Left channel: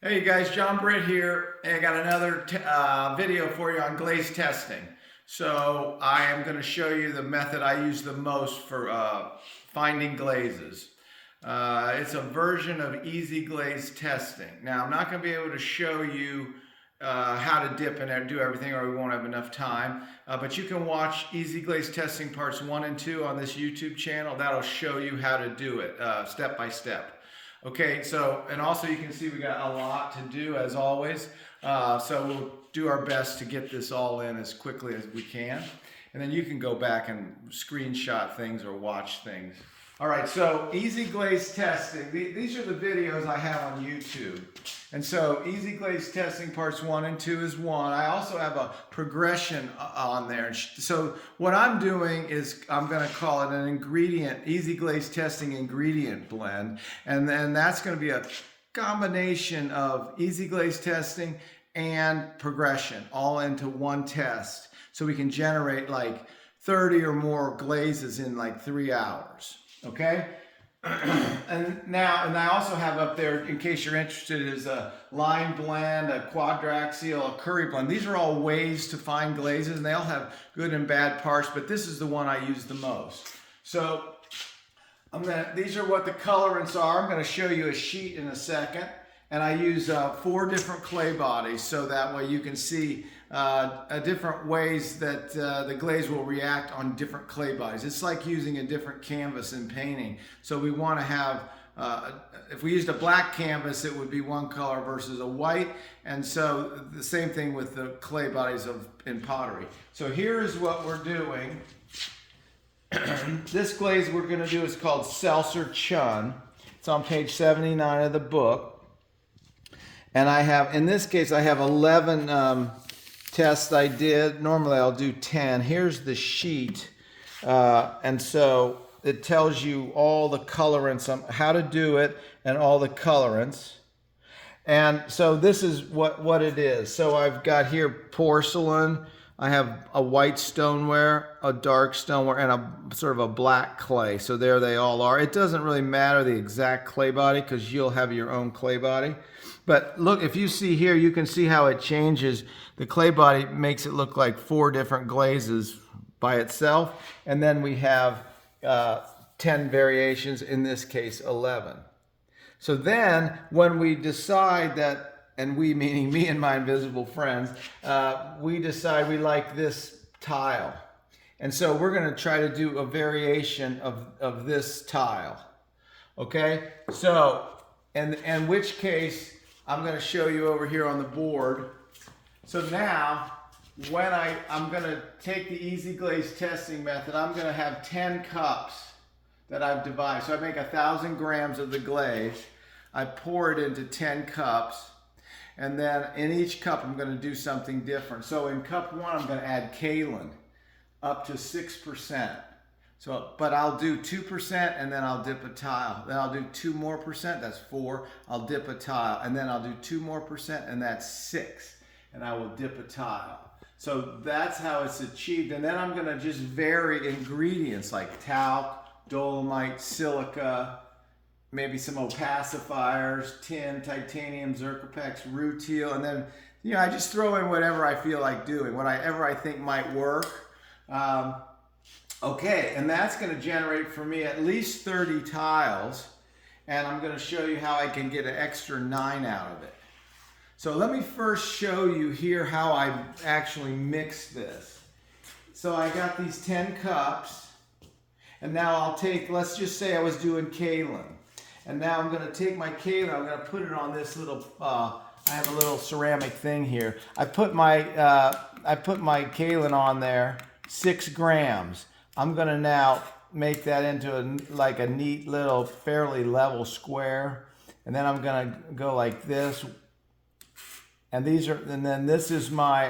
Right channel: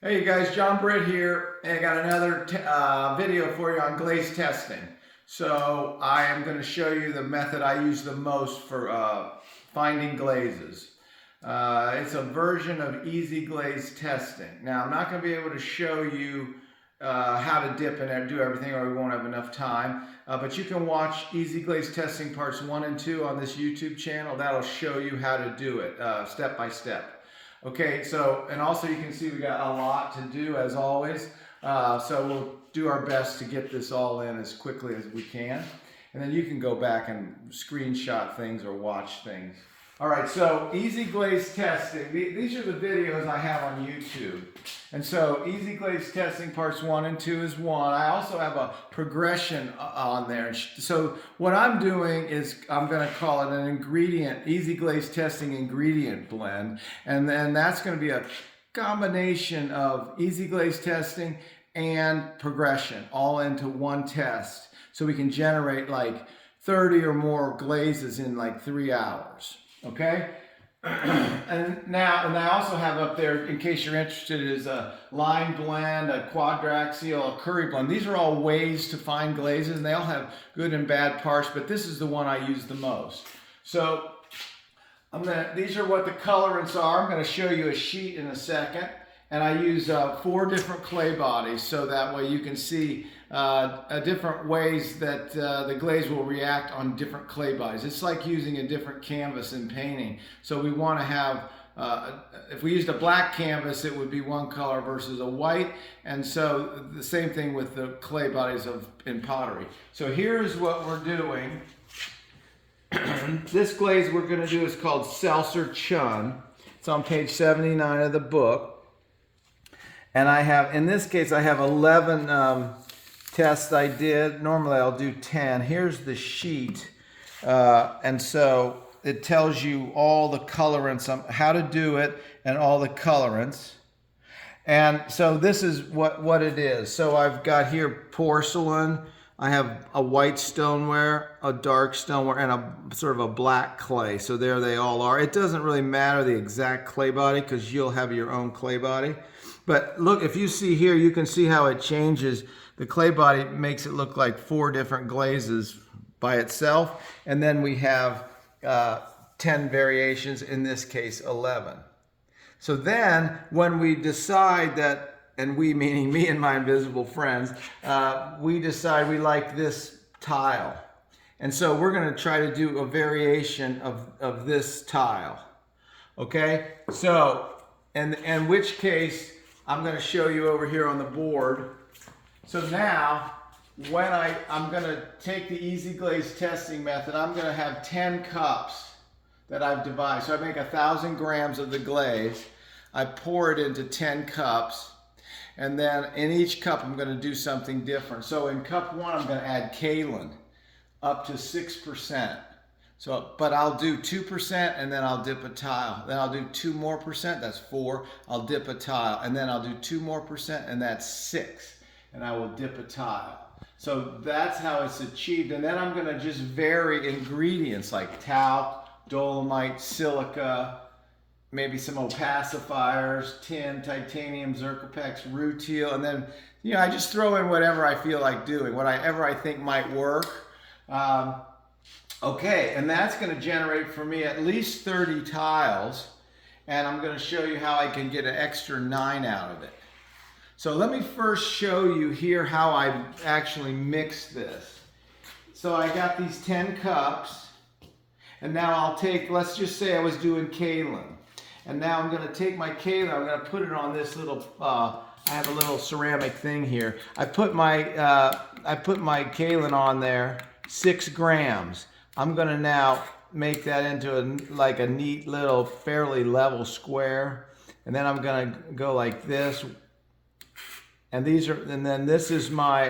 Hey you guys, John Britt here, and I got another video for you on glaze testing. So I am going to show you the method I use the most for finding glazes. It's a version of easy glaze testing. Now I'm not going to be able to show you how to dip and do everything, or we won't have enough time. But you can watch Easy Glaze Testing parts 1 and 2 on this YouTube channel. That'll show you how to do it step by step. Okay, so, and also you can see we got a lot to do as always. So we'll do our best to get this all in as quickly as we can. And then you can go back and screenshot things or watch things. All right, so Easy Glaze Testing. These are the videos I have on YouTube. And so Easy Glaze Testing parts 1 and 2 is one. I also have a progression on there. So what I'm doing is I'm going to call it an ingredient, Easy Glaze Testing ingredient blend. And then that's going to be a combination of Easy Glaze Testing and progression all into one test. So we can generate like 30 or more glazes in like 3 hours. Okay, and I also have up there, in case you're interested, is a line blend, a quadraxial, a curry blend. These are all ways to find glazes, and they all have good and bad parts, but this is the one I use the most. So these are what the colorants are. I'm going to show you a sheet in a second, and I use 4 different clay bodies, so that way you can see different ways that the glaze will react on different clay bodies. It's like using a different canvas in painting. So we want to have, if we used a black canvas, it would be one color versus a white. And so the same thing with the clay bodies in pottery. So here's what we're doing. This glaze we're going to do is called Seltzer Chun. It's on page 79 of the book. And I have, in this case, I have 11 tests I did. Normally I'll do 10. Here's the sheet. And so it tells you all the colorants, how to do it, and all the colorants. And so this is what it is. So I've got here porcelain. I have a white stoneware, a dark stoneware, and a sort of a black clay. So there they all are. It doesn't really matter the exact clay body because you'll have your own clay body. But look, if you see here, you can see how it changes. The clay body makes it look like 4 different glazes by itself. And then we have 10 variations, in this case 11. So then when we decide that, and we meaning me and my invisible friends, we decide we like this tile. And so we're going to try to do a variation of this tile. Okay? So, in which case, I'm going to show you over here on the board. So now, when I'm going to take the Easy Glaze Testing method, I'm going to have 10 cups that I've divided. So I make 1,000 grams of the glaze. I pour it into 10 cups. And then in each cup, I'm going to do something different. So in cup 1, I'm going to add kaolin up to 6%. So, but I'll do 2% and then I'll dip a tile. Then I'll do 2 more percent, that's 4. I'll dip a tile. And then I'll do 2 more percent and that's 6. And I will dip a tile. So that's how it's achieved. And then I'm going to just vary ingredients like talc, dolomite, silica, maybe some opacifiers, tin, titanium, zircopex, rutile, and then, you know, I just throw in whatever I feel like doing, whatever I think might work. Okay, and that's going to generate for me at least 30 tiles, and I'm going to show you how I can get an extra 9 out of it. So let me first show you here how I actually mix this. So I got these 10 cups, and now I'll take, let's just say I was doing kaolin. And now I'm going to take my kaolin, I'm going to put it on this little, I have a little ceramic thing here. I put my kaolin on there, 6 grams. I'm going to now make that into like a neat little fairly level square. And then I'm going to go like this. And then this is my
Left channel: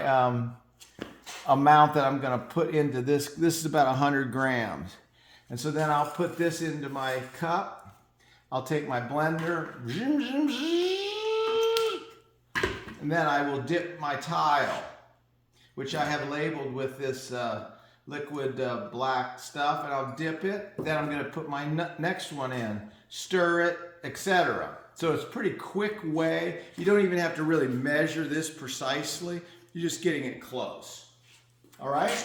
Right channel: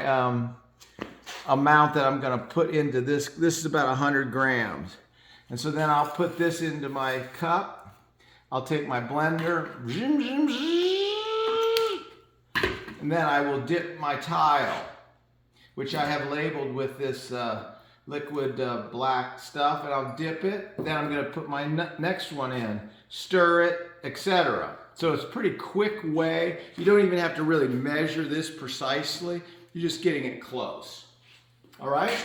amount that I'm going to put into this. This is about 100 grams. And so then I'll put this into my cup. I'll take my blender, and then I will dip my tile, which I have labeled with this liquid black stuff, and I'll dip it. Then I'm going to put my next one in, stir it, etc. So it's a pretty quick way. You don't even have to really measure this precisely. You're just getting it close. All right?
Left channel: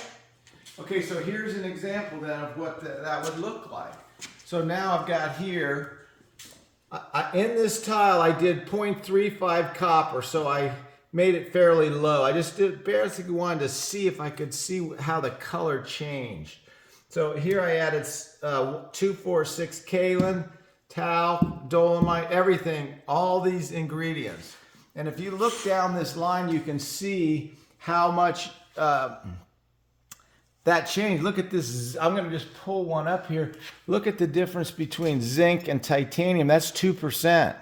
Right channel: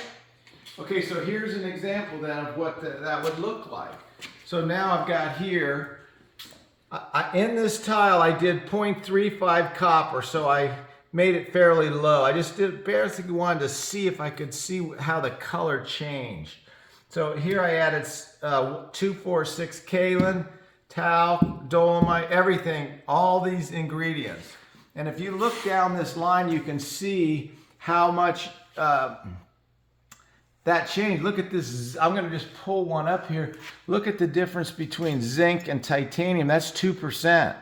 Okay, so here's an example then of what that would look like. So now I've got here, in this tile I did 0.35 copper, so I made it fairly low. I just basically wanted to see if I could see how the color changed. So here I added 246 kaolin, talc, dolomite, everything, all these ingredients. And if you look down this line, you can see how much that changed. Look at this. I'm going to just pull one up here. Look at the difference between zinc and titanium. That's 2%.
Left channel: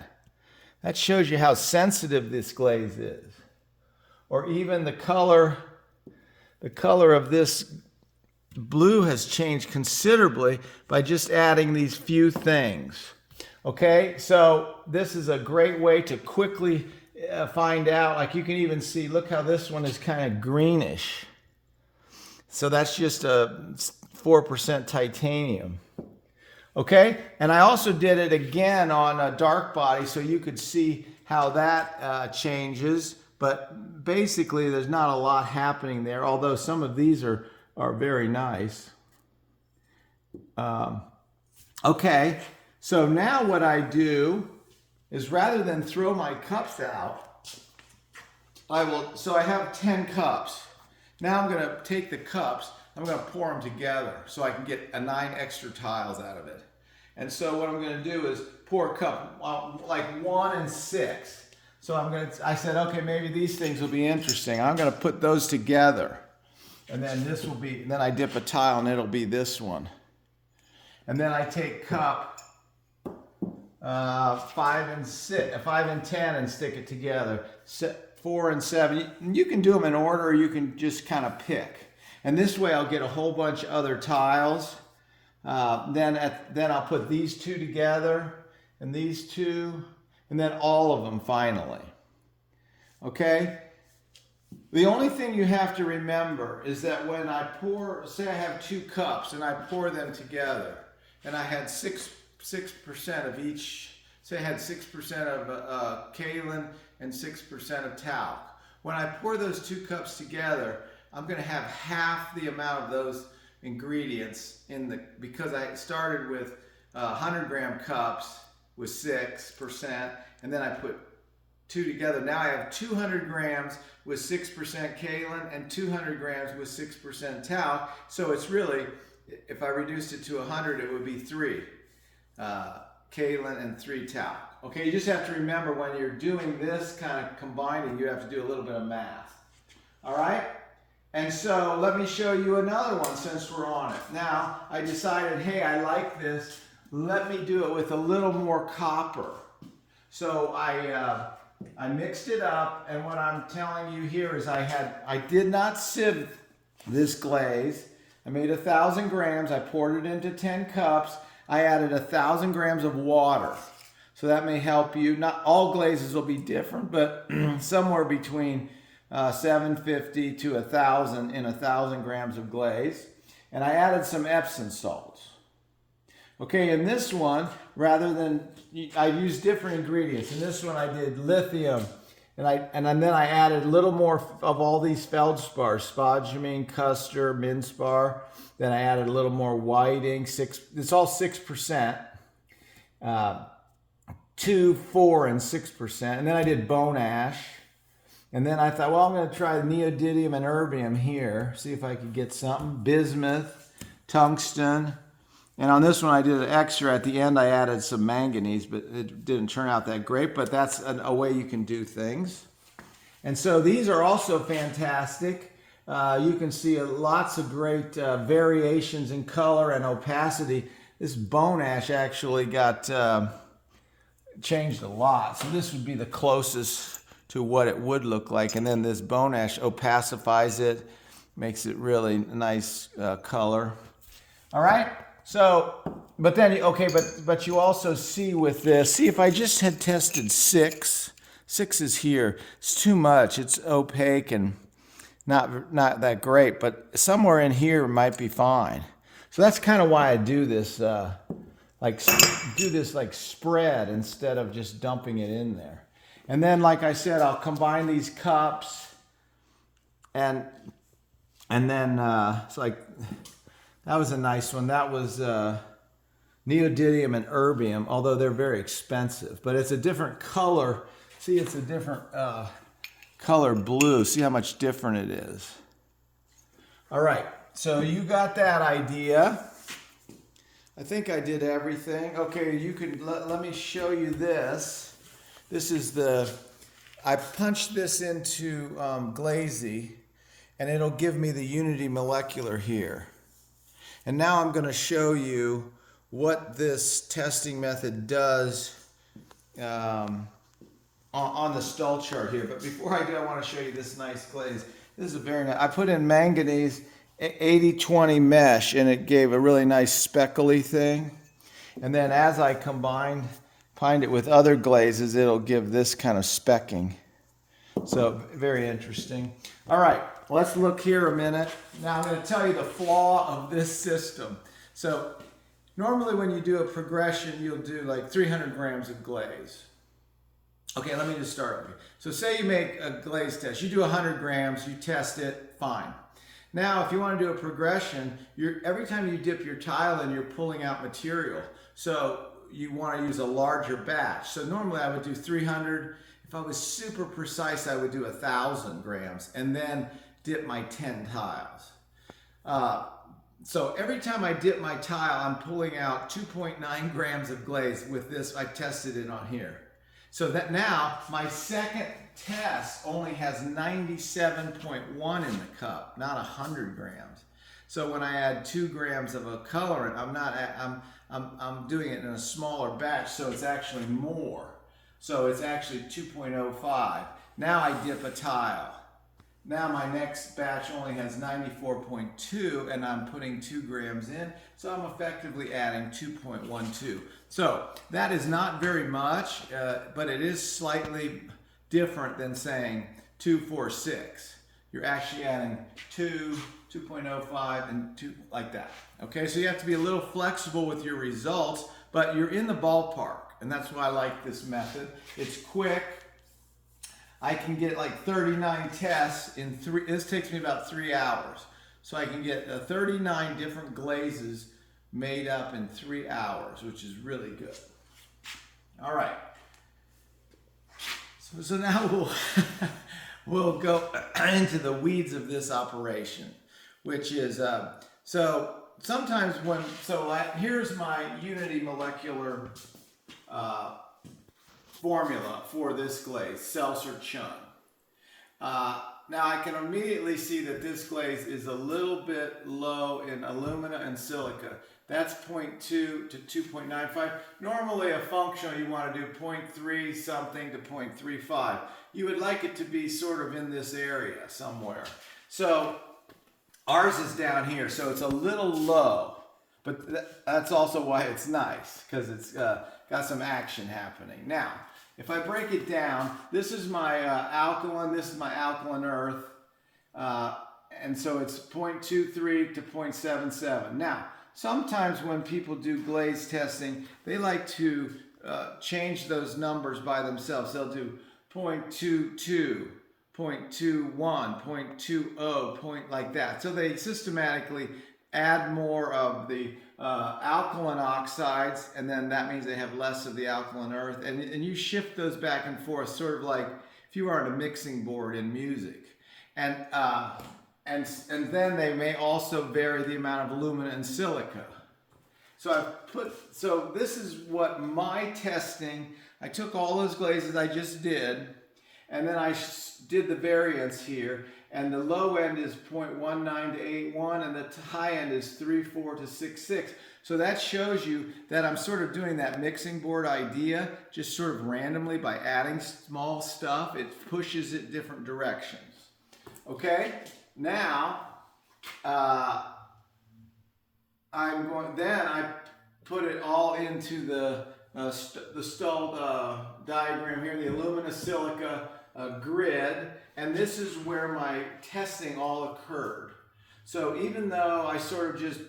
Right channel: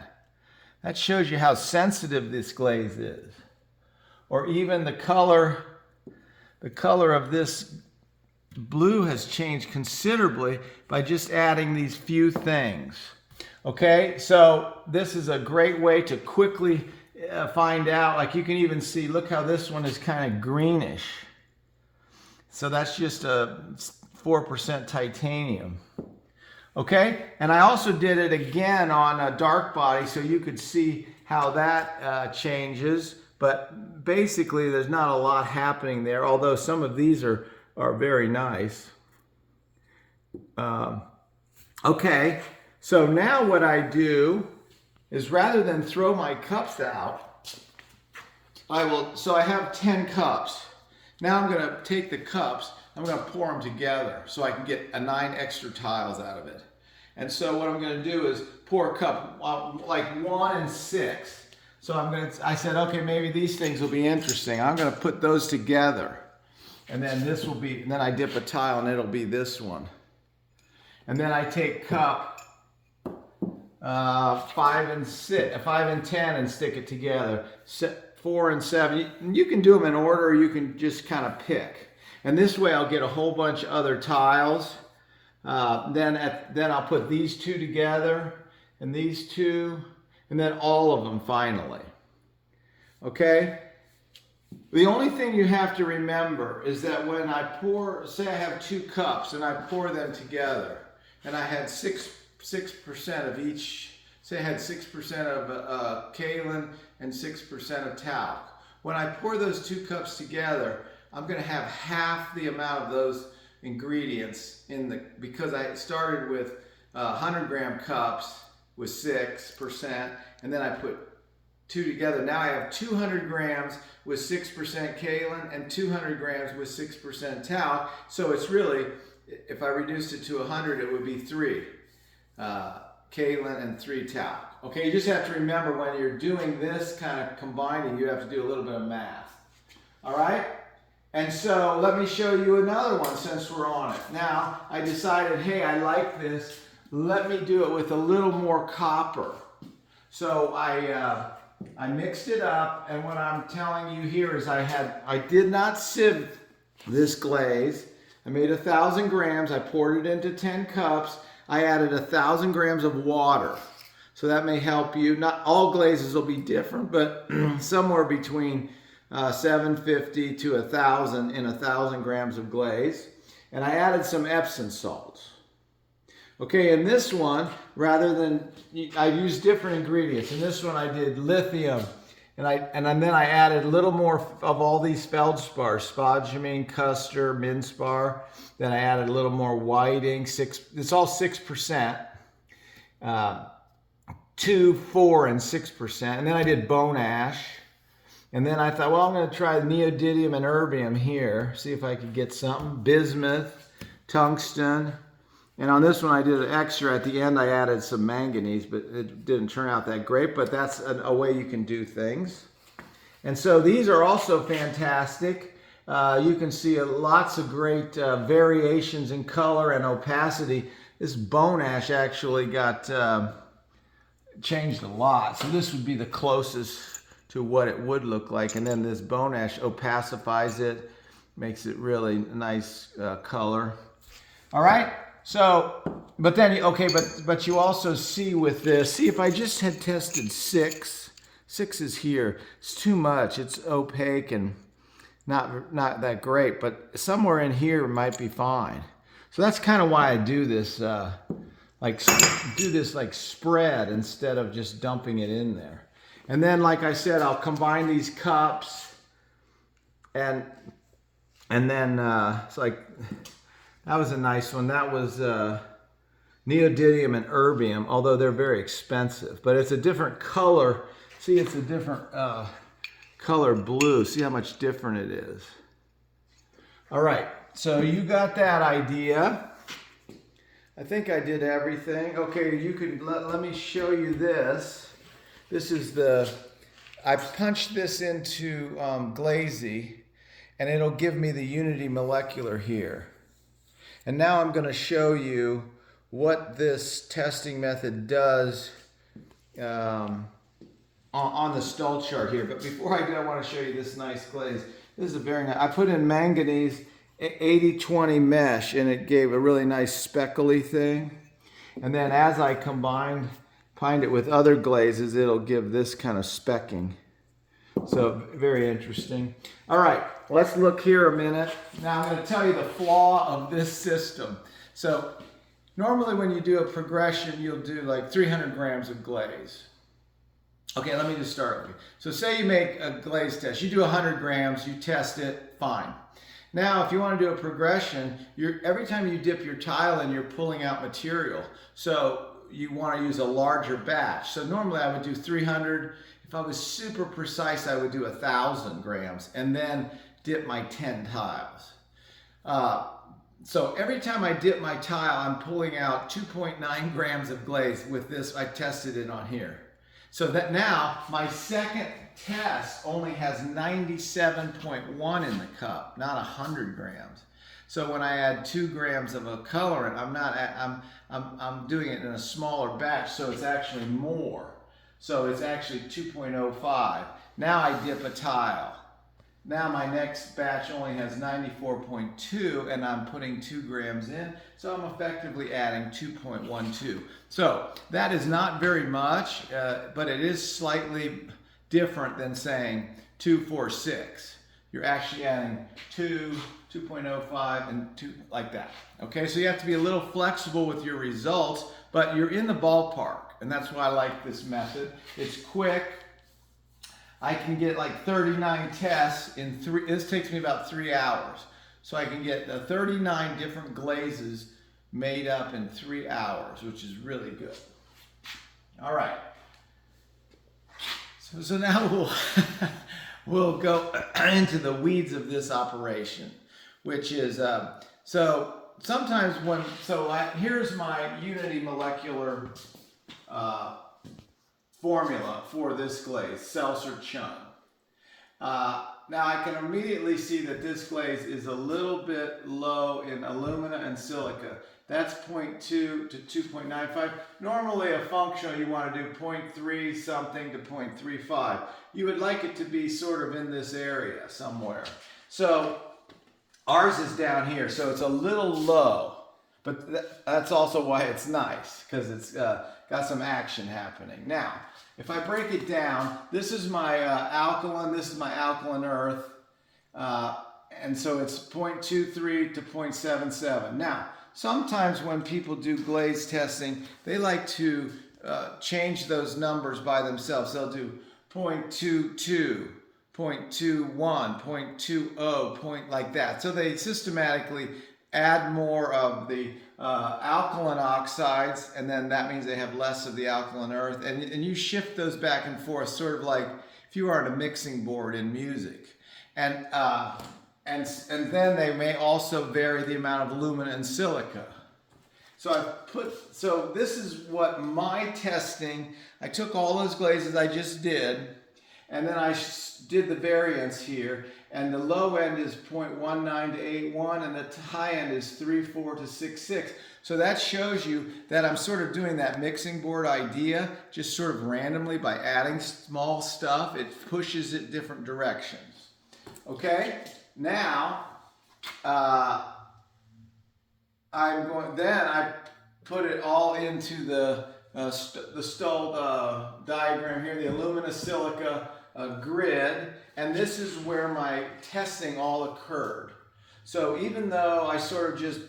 That shows you how sensitive this glaze is. Or even the color of this blue has changed considerably by just adding these few things. Okay, so this is a great way to quickly find out. Like you can even see, look how this one is kind of greenish. So that's just a 4% titanium. Okay, and I also did it again on a dark body so you could see how that changes. But basically there's not a lot happening there, although some of these are very nice. Okay, so now what I do is rather than throw my cups out, so I have 10 cups. Now I'm going to take the cups, I'm going to pour them together so I can get 9 extra tiles out of it. And so what I'm going to do is pour a cup like 1 and 6. So I said, okay, maybe these things will be interesting. I'm going to put those together. And then this will be, and then I dip a tile and it'll be this one. And then I take cup 5 and 10 and stick it together. 4 and 7. You can do them in order, or you can just kind of pick. And this way I'll get a whole bunch of other tiles. Then I'll put these 2 together, and these 2, and then all of them finally. Okay? The only thing you have to remember is that when I pour, say I have 2 cups and I pour them together, and I had 6% of each, say I had 6% of kaolin and 6% of talc. When I pour those 2 cups together, I'm going to have half the amount of those ingredients because I started with 100-gram cups with 6%, and then I put 2 together. Now I have 200 grams with 6% kaolin and 200 grams with 6% talc. So it's really, if I reduced it to 100, it would be 3 kaolin and 3 talc. Okay, you just have to remember when you're doing this kind of combining, you have to do a little bit of math. All right? And so let me show you another one since we're on it. Now, I decided, hey, I like this. Let me do it with a little more copper. So I mixed it up, and what I'm telling you here is I did not sieve this glaze. I made 1,000 grams. I poured it into 10 cups. I added 1,000 grams of water. So that may help you. Not all glazes will be different, but somewhere between 750 to 1,000 in 1,000 grams of glaze. And I added some Epsom salts. Okay, in this one, rather than, I used different ingredients. In this one I did lithium, and then I added a little more of all these feldspar, spodumene, custard, minspar. Then I added a little more whiting, it's all 6%, 2, 4, and 6%. And then I did bone ash. And then I thought, well, I'm going to try neodymium and erbium here, see if I could get something. Bismuth, tungsten. And on this one I did an extra. At the end I added some manganese, but it didn't turn out that great. But that's a way you can do things. And so these are also fantastic. You can see lots of great variations in color and opacity. This bone ash actually got changed a lot. So this would be the closest to what it would look like. And then this bone ash opacifies it, makes it really nice color. All right. So, but then, okay, but you also see with this, see if I just had tested 6 is here. It's too much. It's opaque and not that great, but somewhere in here might be fine. So that's kind of why I do this like do this like spread instead of just dumping it in there. And then, like I said, I'll combine these cups, and then it's like, that was a nice one. That was neodymium and erbium, although they're very expensive. But it's a different color. See, it's a different color blue. See how much different it is. All right, so you got that idea. I think I did everything. Okay, you can let me show you this. This is I punched this into Glazy, and it'll give me the unity molecular here. And now I'm going to show you what this testing method does on the Stull chart here. But before I do, I want to show you this nice glaze. This is a very nice, I put in manganese 80-20 mesh, and it gave a really nice speckly thing. And then as I combined it with other glazes, it'll give this kind of specking. So very interesting. All right, let's look here a minute. Now I'm going to tell you the flaw of this system. So normally when you do a progression, you'll do like 300 grams of glaze. Okay, let me just start with you. So say you make a glaze test. You do 100 grams, you test it, fine. Now, if you want to do a progression, every time you dip your tile in, you're pulling out material. So you want to use a larger batch. So normally I would do 300. If I was super precise, I would do 1,000 grams and then dip my 10 tiles. So every time I dip my tile, I'm pulling out 2.9 grams of glaze. With this, I tested it on here. So that now my second test only has 97.1 in the cup, not 100 grams. So when I add 2 grams of a colorant, I'm doing it in a smaller batch, so it's actually more. So it's actually 2.05. Now I dip a tile. Now my next batch only has 94.2, and I'm putting 2 grams in, so I'm effectively adding 2.12. So that is not very much, but it is slightly different than saying 246. You're actually adding 2, 2.05, and 2, like that. Okay, so you have to be a little flexible with your results, but you're in the ballpark, and that's why I like this method. It's quick. I can get like 39 tests in this takes me about 3 hours. So I can get 39 different glazes made up in 3 hours, which is really good. All right. So now we'll go into the weeds of this operation, which is, so sometimes here's my unity molecular formula for this glaze, Seltzer-Chun. Now I can immediately see that this glaze is a little bit low in alumina and silica. That's 0.2 to 2.95. Normally a functional you want to do 0.3 something to 0.35. You would like it to be sort of in this area somewhere. So ours is down here, so it's a little low, but that's also why it's nice, because it's got some action happening. Now, if I break it down, this is my alkaline, this is my alkaline earth, and so it's 0.23 to 0.77. Now, sometimes when people do glaze testing, they like to change those numbers by themselves. They'll do 0.22, 0.21, 0.20, like that. So they systematically add more of the alkaline oxides, and then that means they have less of the alkaline earth. And you shift those back and forth, sort of like if you were on a mixing board in music. And then they may also vary the amount of alumina and silica. So this is what my testing, I took all those glazes I just did, and then I did the variance here, and the low end is 0.19 to 81, and the high end is 3.4 to 6.6. So that shows you that I'm sort of doing that mixing board idea, just sort of randomly by adding small stuff. It pushes it different directions. Okay, now I put it all into the Stull diagram here, the alumina silica grid, and this is where my testing all occurred. So even though I sort of just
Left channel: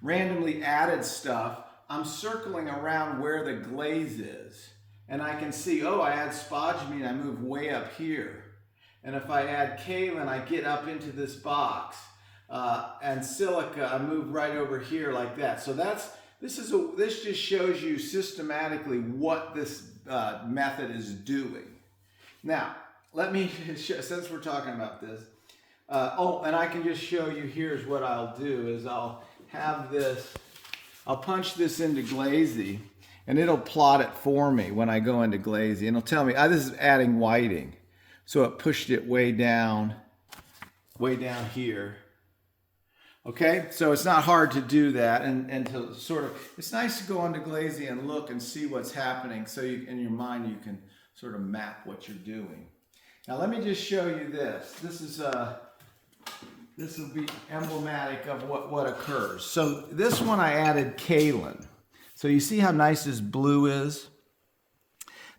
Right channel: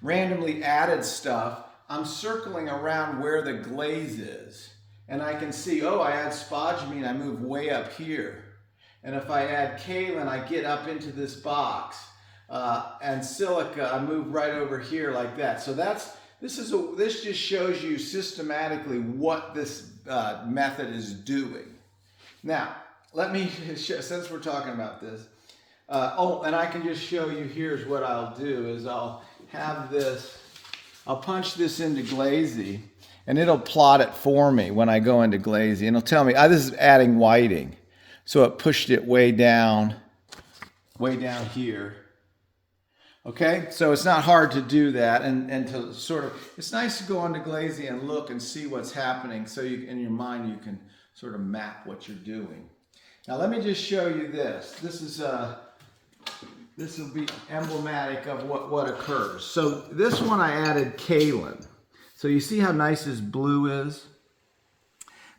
randomly added stuff, I'm circling around where the glaze is. And I can see, oh, I add spodumene, I move way up here. And if I add kaolin, I get up into this box. And silica, I move right over here like that. So this just shows you systematically what this method is doing. Now, let me, since we're talking about this, and I can just show you, here's what I'll do, is I'll have this, I'll punch this into Glazy, and it'll plot it for me when I go into Glazy, and it'll tell me, this is adding whiting. So it pushed it way down here. Okay, so it's not hard to do that, and to sort of, it's nice to go into Glazy and look and see what's happening, so you, in your mind you can sort of map what you're doing. Now let me just show you this. This will be emblematic of what occurs. So this one I added kaolin. So you see how nice this blue is?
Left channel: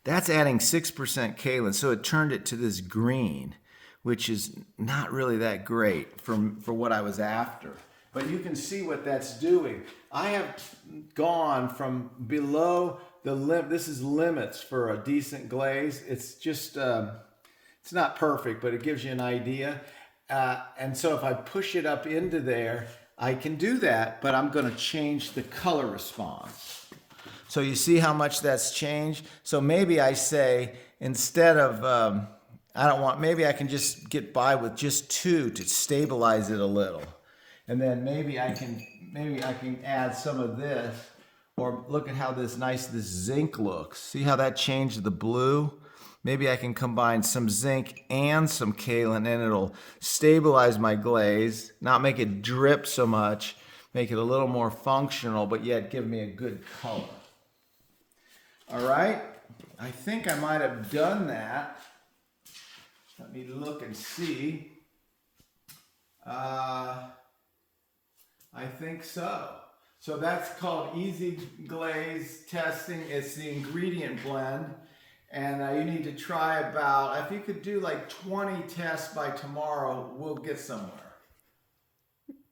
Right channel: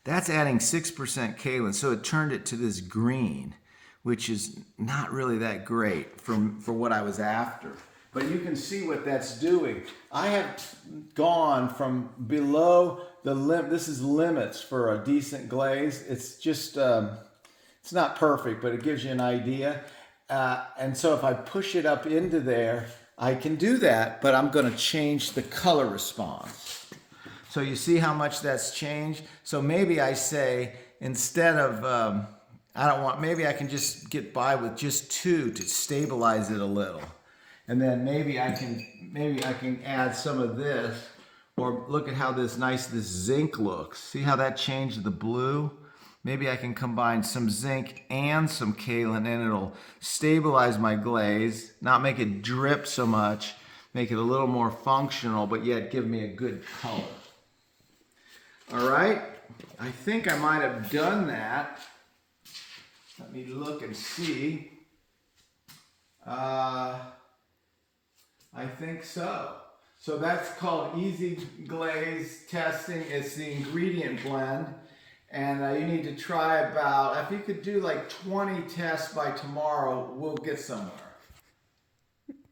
That's adding 6% kaolin, so it turned it to this green, which is not really that great for what I was after. But you can see what that's doing. I have gone from below the limit. This is limits for a decent glaze. It's just, it's not perfect, but it gives you an idea. And so if I push it up into there, I can do that, but I'm going to change the color response. So you see how much that's changed? So maybe I say, instead of, maybe I can just get by with just 2 to stabilize it a little. And then maybe I can add some of this, or look at how this zinc looks. See how that changed the blue? Maybe I can combine some zinc and some kaolin, and it'll stabilize my glaze, not make it drip so much, make it a little more functional, but yet give me a good color. All right, I think I might have done that. Let me look and see. I think so. So that's called easy glaze testing. It's the ingredient blend. And you need to try about, if you could do like 20 tests by tomorrow, we'll get somewhere.